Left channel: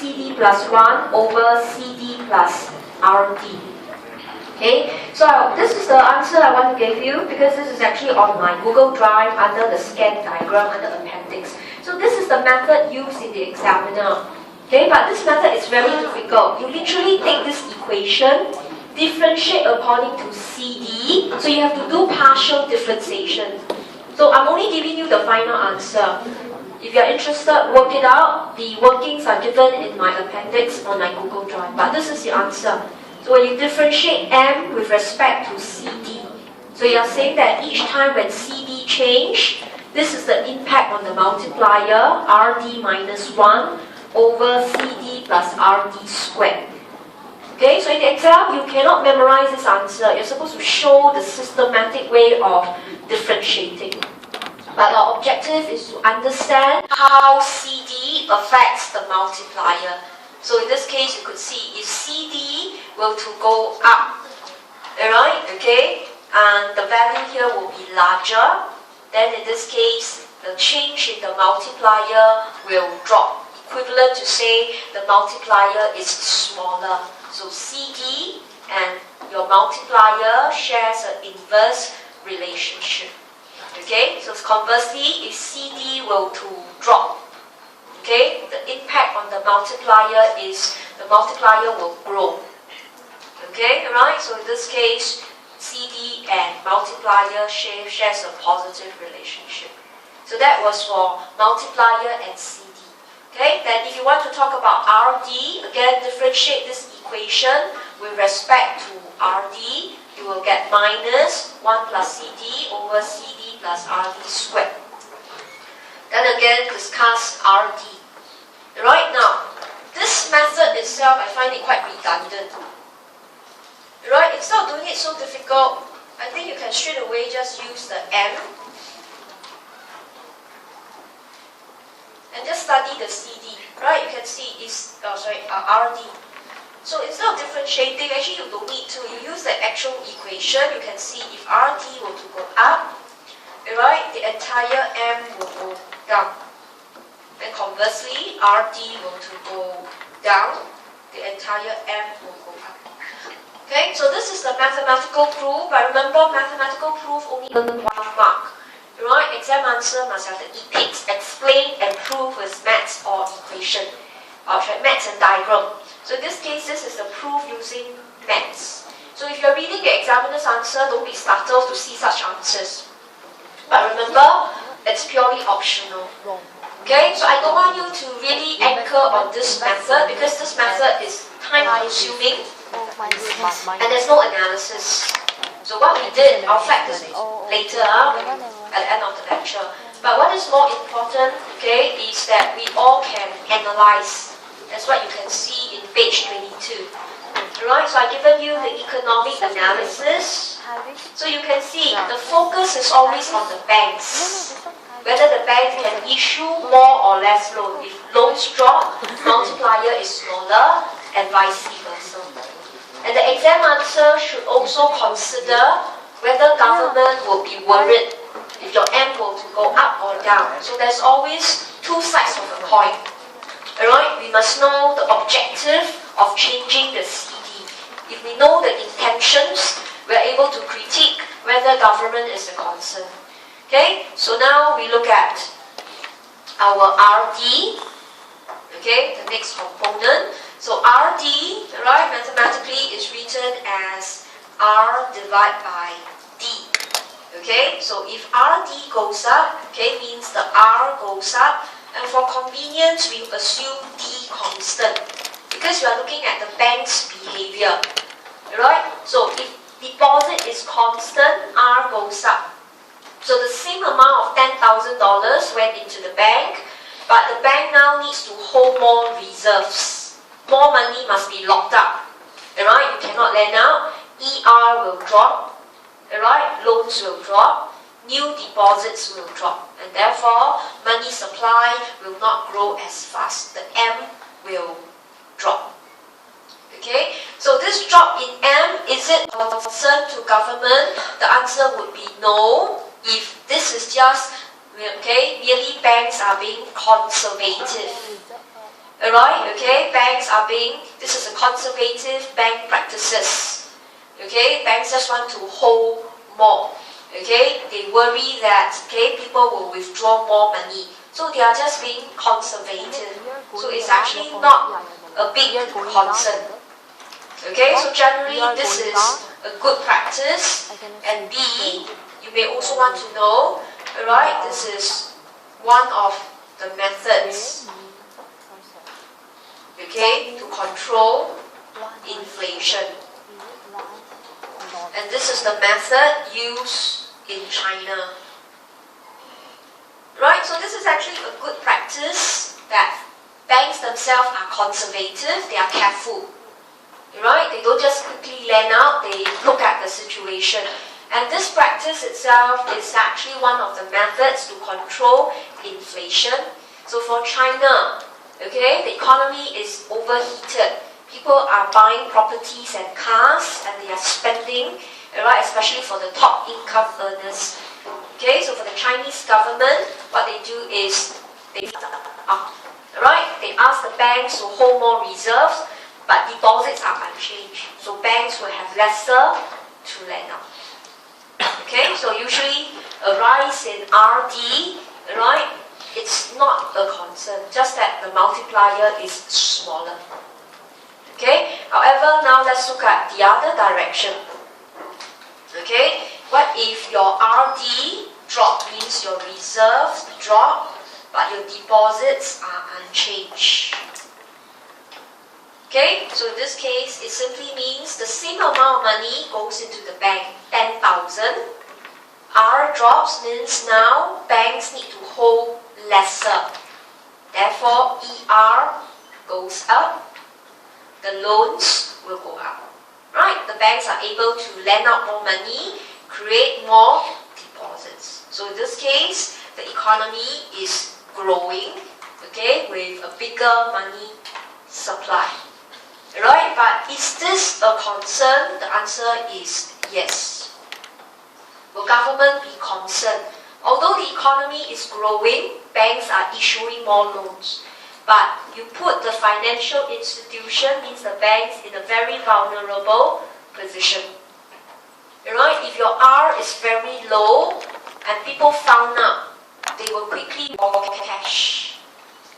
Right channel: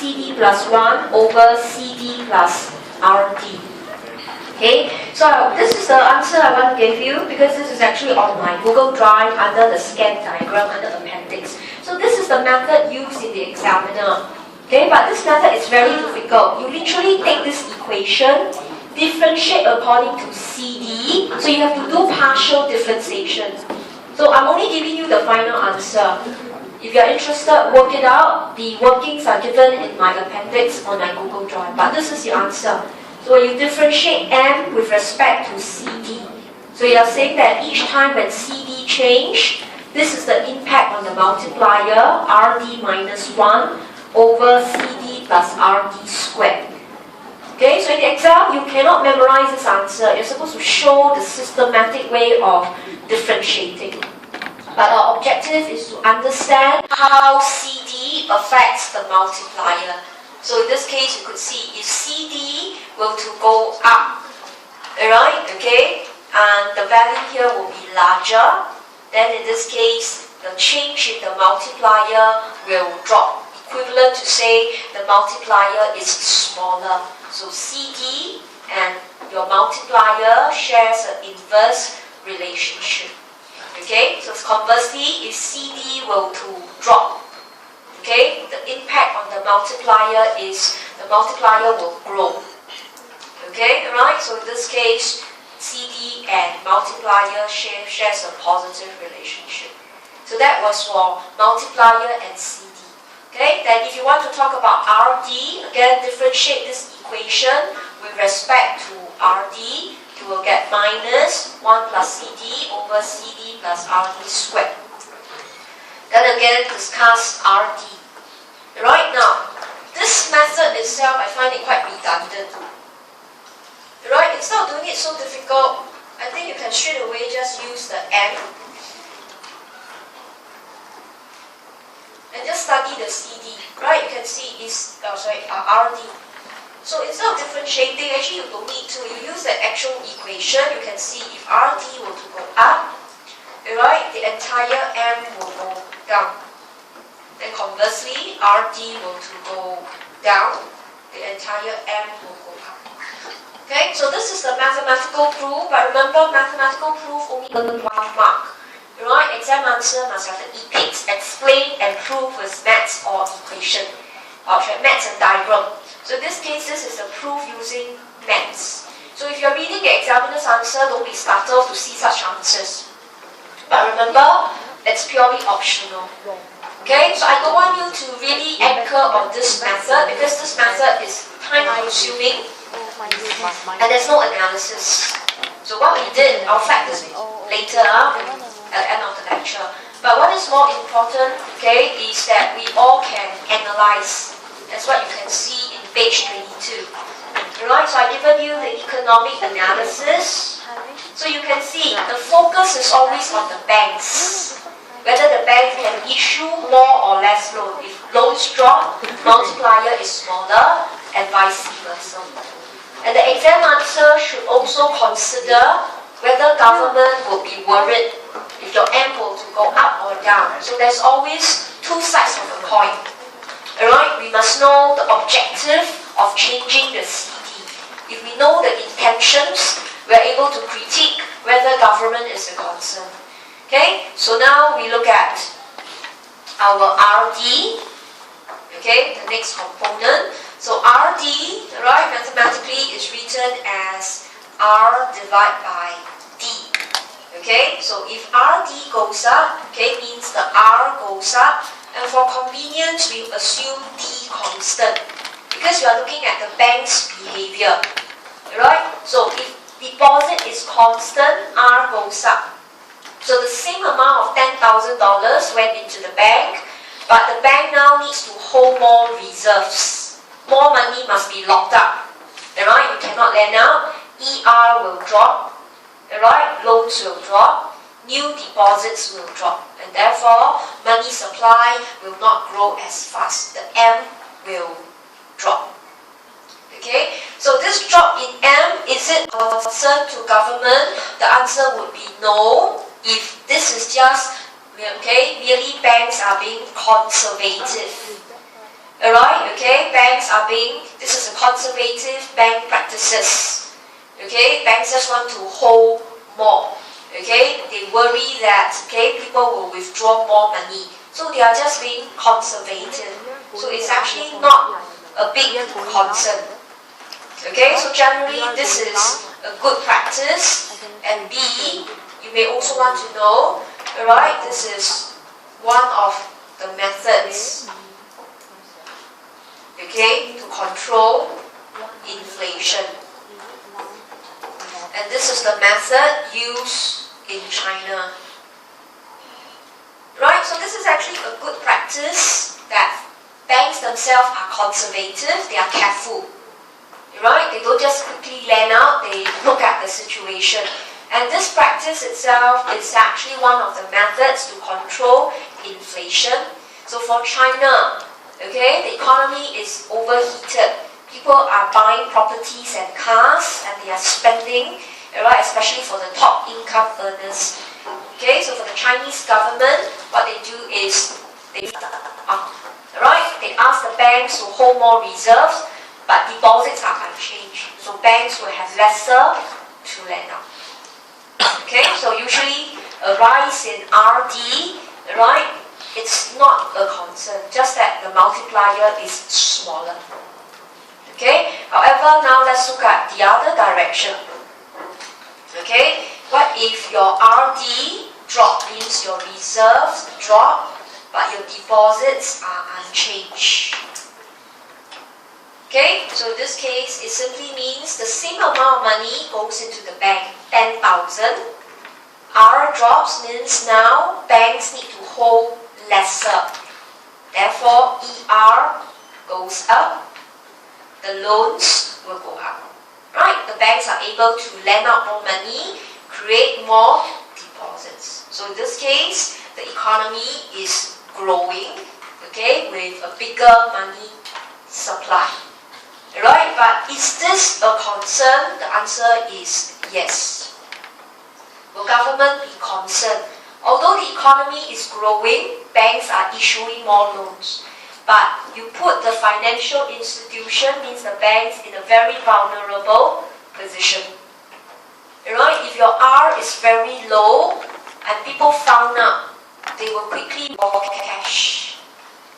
CD plus 1 over CD plus RD. Okay, so this is the answer I want to give you because this is actually on my Google Drive under the scan diagram under appendix. So this is the method used in the examiner. Okay, but this method is very difficult. You literally take this equation, differentiate according to CD, so you have to do partial differentiation. So I'm only giving you the final answer. If you're interested, work it out. The workings are given in my appendix on my Google Drive, but this is the answer. So when you differentiate M with respect to CD, so you're saying that each time when CD change, this is the impact on the multiplier, RD minus 1 over CD plus RD squared. Okay, so in the exam, you cannot memorize this answer. You're supposed to show the systematic way of differentiating. But our objective is to understand how CD affects the multiplier. So in this case, you could see if CD were to go up, alright, okay, and the value here will be larger, then in this case, the change in the multiplier will drop. Equivalent to say the multiplier is smaller. So CD and your multiplier shares an inverse relationship. Okay, so conversely, if CD were to drop, okay, the impact on the multiplier is the multiplier will grow. Okay, alright, so in this case, CD and multiplier shares a positive relationship. So that was for multiplier and CD. Okay, then if you want to talk about RD, again, differentiate this equation with respect to RD, you will get minus 1 plus CD over CD plus RD squared. Then again, discuss RD. Right now, this method itself, I find it quite redundant. Right, instead of doing it so difficult, I think you can straight away just use the M and just study the CD. Right, you can see is RD. So instead of differentiating, actually you don't need to. You use the actual equation. You can see if RD were to go up, right, the entire M will go down. Then conversely, RD were to go down, the entire M will go up. Okay, so this is the mathematical proof. But remember, mathematical proof only earn 1 mark. Right, exam answer must have the epics, explain and prove with maths or equation, or maths and diagram. So in this case, this is a proof using maths. So if you're reading the examiner's answer, don't be startled to see such answers. But remember, it's purely optional. Okay, so I don't want you to really anchor on this method because this method is time-consuming and there's no analysis. So what we did, I'll flag this later at the end of the lecture. But what is more important, okay, is that we all can analyze. That's what you can see in page 22. Alright, so I've given you the economic analysis. So you can see the focus is always on the banks. Whether the bank can issue more or less loan. If loans drop, multiplier is smaller and vice versa. And the exam answer should also consider whether government will be worried if your M were to go up or down. So there's always two sides of the coin. Alright, we must know the objective of changing the CD. If we know the intentions, we're able to critique whether government is a concern. Okay, so now we look at our RD. Okay, the next component. So RD, right, mathematically is written as R divided by D. Okay, so if RD goes up, okay, means the R goes up. And for convenience, we assume D constant. Because we are looking at the bank's behavior. Right? So if deposit is constant, R goes up. So the same amount of $10,000 went into the bank, but the bank now needs to hold more reserves. More money must be locked up. Alright? You cannot lend out. ER will drop. Alright? Loans will drop. New deposits will drop. And therefore, money supply will not grow as fast. The M will drop. Okay? So this drop in M, is it a concern to government? The answer would be no. If this is just, okay, merely banks are being conservative. Alright, okay, this is a conservative bank practices. Okay, banks just want to hold more. Okay, they worry that people will withdraw more money. So they are just being conservative. So it's actually not a big concern. Okay, so generally this is a good practice. And B, you may also want to know, alright, this is one of the methods, okay, to control inflation. And this is the method used in China. Right, so this is actually a good practice that banks themselves are conservative, they are careful. Right, they don't just quickly lend out, they look at the situation. And this practice itself is actually one of the methods to control inflation. So for China, okay, the economy is overheated. People are buying properties and cars and they are spending, right, especially for the top income earners. Okay, so for the Chinese government, what they do is they ask the banks to hold more reserves, but deposits are unchanged. So banks will have lesser to lend out. Okay, so usually a rise in RD, right, it's not a concern, just that the multiplier is smaller. Okay, however, now let's look at the other direction. Okay, what if your RD drop, means your reserves drop, but your deposits are unchanged? Okay, so in this case, it simply means the same amount of money goes into the bank, 10,000. R drops means now banks need to hold lesser. Therefore, ER goes up, the loans will go up. Right, the banks are able to lend out more money, create more deposits. So in this case, the economy is growing, okay, with a bigger money supply. Right, but is this a concern? The answer is yes. Will government be concerned? Although the economy is growing, banks are issuing more loans. But you put the financial institution, means the banks, in a very vulnerable position. Right, if your R is very low and people found out, they will quickly borrow cash.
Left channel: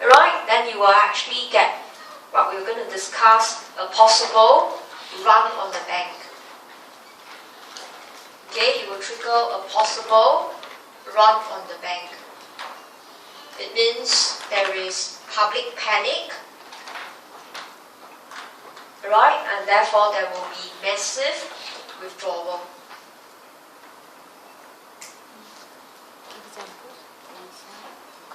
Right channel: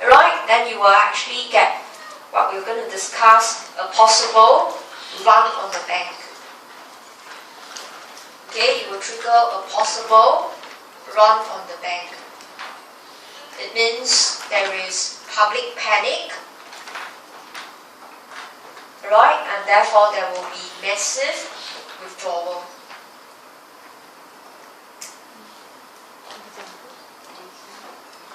Right, then you will actually get what we're going to discuss, a possible run on the bank. Okay, you will trigger a possible run on the bank. It means there is public panic, right, and therefore there will be massive withdrawal.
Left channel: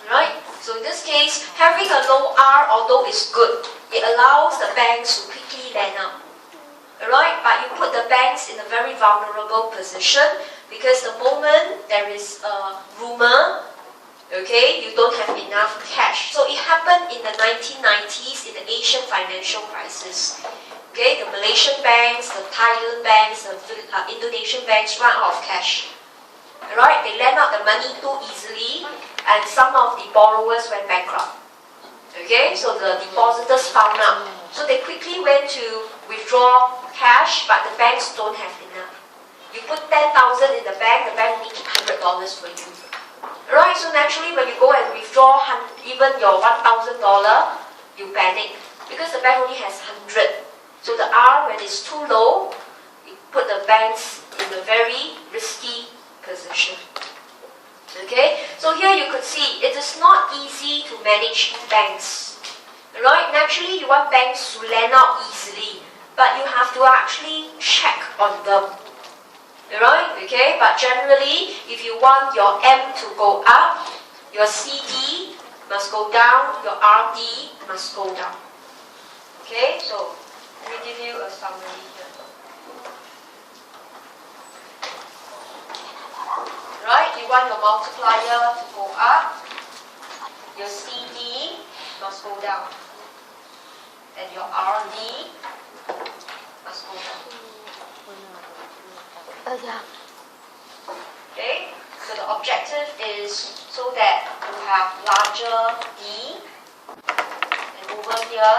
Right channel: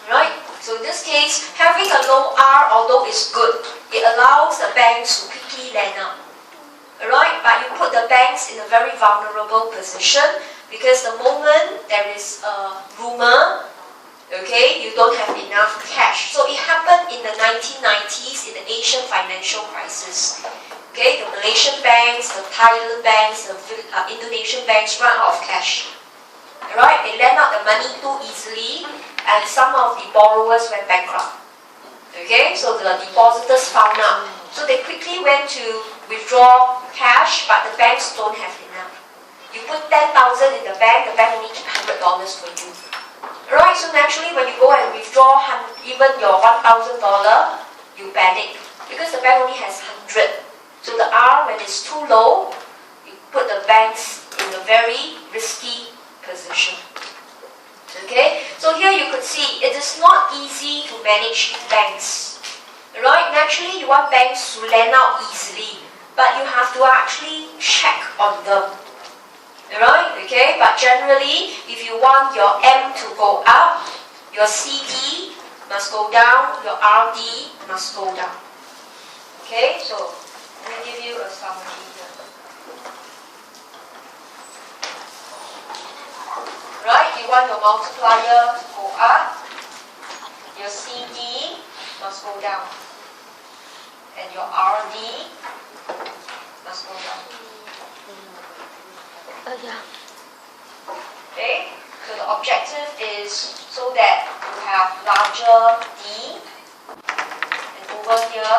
Right, so in this case, having a low R, although is good, it allows the banks to quickly lend out. Right, but you put the banks in a very vulnerable position because the moment there is a rumor, okay, you don't have enough cash. So it happened in the 1990s in the Asian financial crisis. Okay, the Malaysian banks, the Thailand banks, the Indonesian banks ran out of cash. Right, they lent out the money too easily and some of the borrowers went bankrupt. Okay, so the depositors found out. So they quickly went to withdraw cash, but the banks don't have enough. You put 10,000 in the bank only keep $100 for you. Right, so naturally when you go and withdraw even your $1,000, you panic because the bank only has 100. So the R, when it's too low, you put the banks in a very risky position. Okay, so here you could see it is not easy to manage banks. Right, naturally you want banks to lend out easily, but you have to actually check on them. Right, okay, but generally if you want your M to go up, your CD must go down, your RD must go down. Okay, so let me give you a summary here. Right, you want your multiplier to go up, your CD must go down, and your RD must go down. Okay, so the objective is so that you have larger D, and over here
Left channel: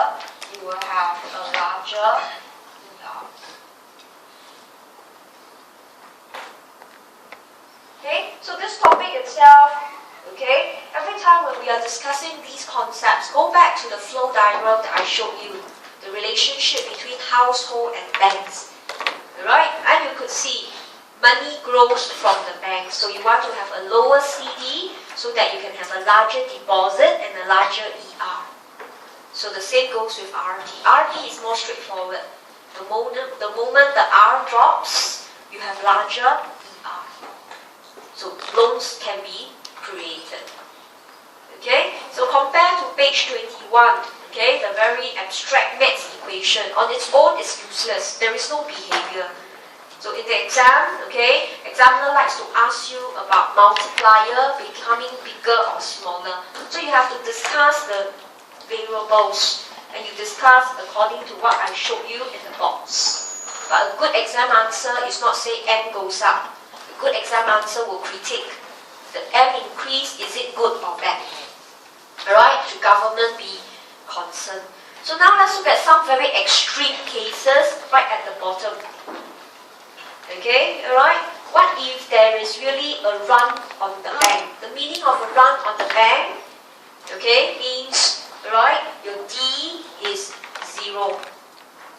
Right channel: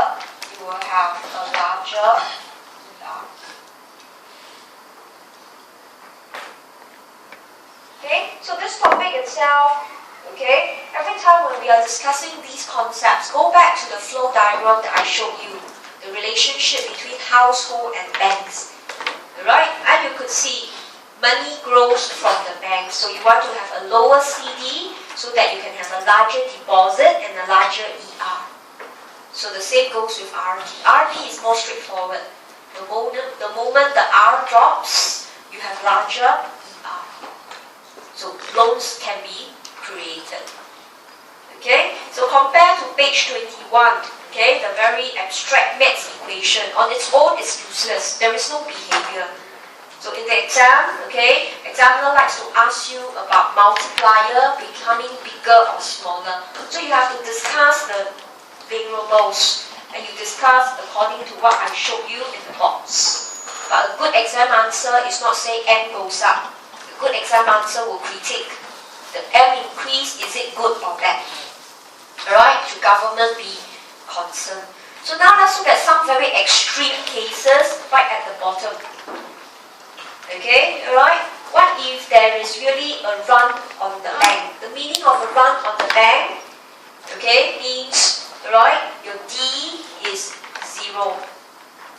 you you will have a larger ER. Okay, so this topic itself, okay, every time when we are discussing these concepts, go back to the flow diagram that I showed you, the relationship between household and banks, right? And you could see money grows from the bank, so you want to have a lower CD so that you can have a larger deposit and a larger ER. So the same goes with RD. RD is more straightforward. The moment the R drops, you have larger ER. So loans can be created. Okay, so compare to page 21, okay, the very abstract maths equation. On its own, it's useless. There is no behavior. So in the exam, okay, examiner likes to ask you about multiplier becoming bigger or smaller. So you have to discuss the variables and you discuss according to what I showed you in the box. But a good exam answer is not saying M goes up. A good exam answer will critique. The M increase, is it good or bad? Alright, should government be concerned? So now let's look at some very extreme cases right at the bottom. Okay, alright? What if there is really a run on the bank? The meaning of a run on the bank, okay, means, alright, your D is 0.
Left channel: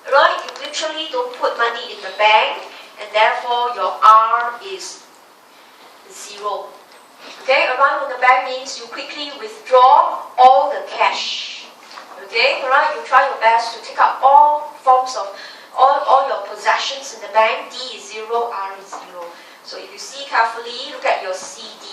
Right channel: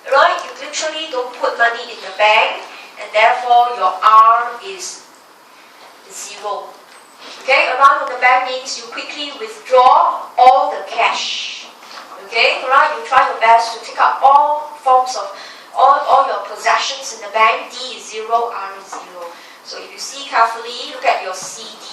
Alright, you literally don't put money in the bank and therefore your R is 0. Okay, a run on the bank means you quickly withdraw all the cash. Okay, alright, you try your best to take out all forms of all your possessions in the bank. D is 0, R is 0. So if you see carefully, look at your CD.